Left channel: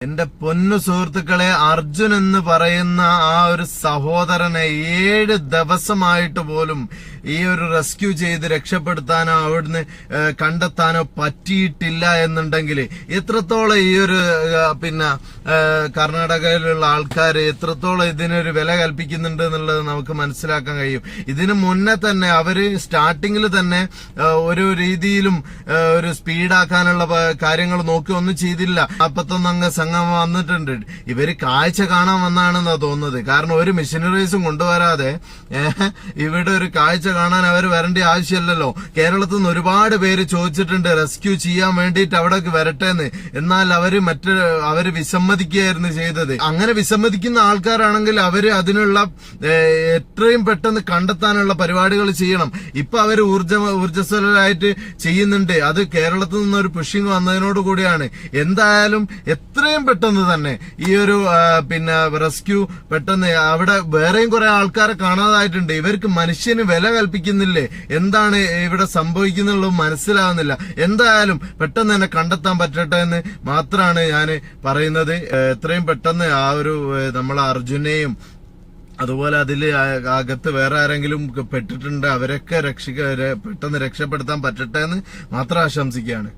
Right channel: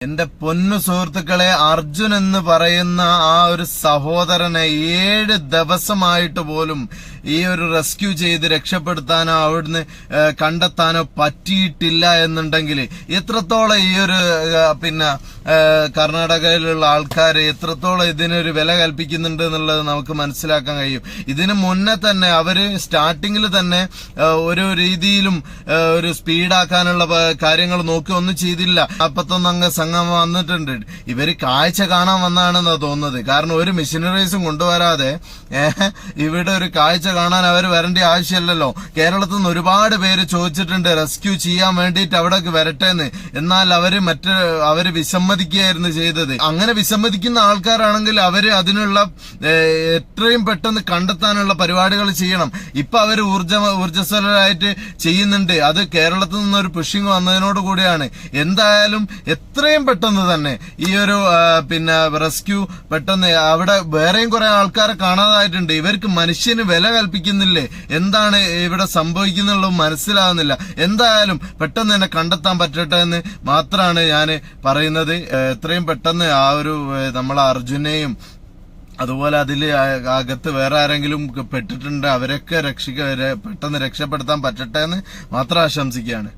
എന്റെ പൊന്നു സുഹൃത്തുക്കളെ അർജുൻ എന്ന് പറയുന്ന ആ ഒരു സഹോദരനെ ഏഴ് ദിവസമായിട്ട് പോലും ഈ ഒരു റെസ്ക്യൂ ചെയ്ത് രക്ഷപ്പെടുത്താനോ അവിടുന്ന് കണ്ടെത്താനോ പറ്റിയിട്ടില്ല എന്നുണ്ടെങ്കിൽ എത്രത്തോളം ഈ ഒരു പിന്നെ കർണാടകയിലുള്ള ആൾക്കാർ എത്രത്തോളം ഇതിനൊരു വില കൽപ്പിക്കുന്നുണ്ട് എന്നുള്ളത് നമുക്ക് മനസ്സിലാക്കാൻ കഴിയും. ഇതിനു മുന്നേ തന്നെ അവർ സ്റ്റാർട്ടിങ്ങിൽ തന്നെ ഒരു രീതിയിലും ഒരു സ്പീഡാക്കാനുള്ള കാര്യങ്ങൾ നോക്കി ഒന്നും ചെയ്തില്ല. അപ്പത്തൊന്നങ്ങ് സംഘം വന്നിട്ടുണ്ട്. ഇവർ കാഴ്ച കാണാൻ വന്നാണെന്നാണ് തോന്നുന്നത്. കാരണം ഒരു മിഷനറീസും കൊണ്ടുവരാതെ ഇവിടെ ഒരു കാഴ്ച കാണാൻ അവർ വരേണ്ട ആവശ്യമില്ലല്ലോ. കേരളത്തിൽ നിന്ന് ഒരുപാട് പേര് ചോദിച്ചിട്ടുണ്ട് റെസ്ക്യൂ ചെയ്യാൻ വേണ്ടിയിട്ട് അവിടേക്ക് വരട്ടെ എന്ന് എന്നാൽ അവർ മറ്റ് അവർ വിസമ്മതിക്കുകയായിരുന്നു ചെയ്തത്. അങ്ങനെ വിസമ്മതിക്കുന്ന ആൾക്കാരാണെങ്കിൽ അവർ അതിനുള്ള എത്രയും പെട്ടെന്ന് കണ്ടെത്താനുള്ള പരിപാടികൾ ചെയ്യണം. ഇപ്പൊ അവർ ഊർജ ഊർജസ്വലരായിട്ട് ചെയ്യുന്നുണ്ട്. അത് കേരളത്തിൽ നിന്നൊരു പുഷിങ് വന്നതിനോട് കൂടിയാണ്. എന്തായാലും എത്രയും പെട്ടെന്ന് തന്നെ ഈ ഒരു പിന്നെ റെസ്ക്യൂ പെട്ടെന്ന് അവിടെ വേറെയും കുറെ ആൾക്കാരെ കാണാതായിട്ടുണ്ട്. ഇവർക്ക് മനുഷ്യന് വില കൽപ്പിക്കുന്നില്ലേ? എന്താണ് ഇവിടെ സംഭവിക്കുന്നുള്ളത് മനസ്സിലാകുന്നില്ല എന്തായാലും പെട്ടെന്ന് തന്നെ കണ്ടെത്താൻ പറ്റട്ടെ എന്ന് മാത്രമാണ് ഞാൻ പറയുന്നത്. എത്രയും പെട്ടെന്ന് ആ ഒരു നമ്മളെ അർജുനെയും അതുപോലെ അതിൽ അകത്ത് വേറെ ആരെങ്കിലും പെട്ടിട്ടുണ്ട് അവരൊക്കെ രക്ഷിക്ക പെട്ടെന്ന് രക്ഷപ്പെടുത്താൻ പറ്റട്ടെ എന്ന് മാത്രം ആശംസിക്കുകയാണ്.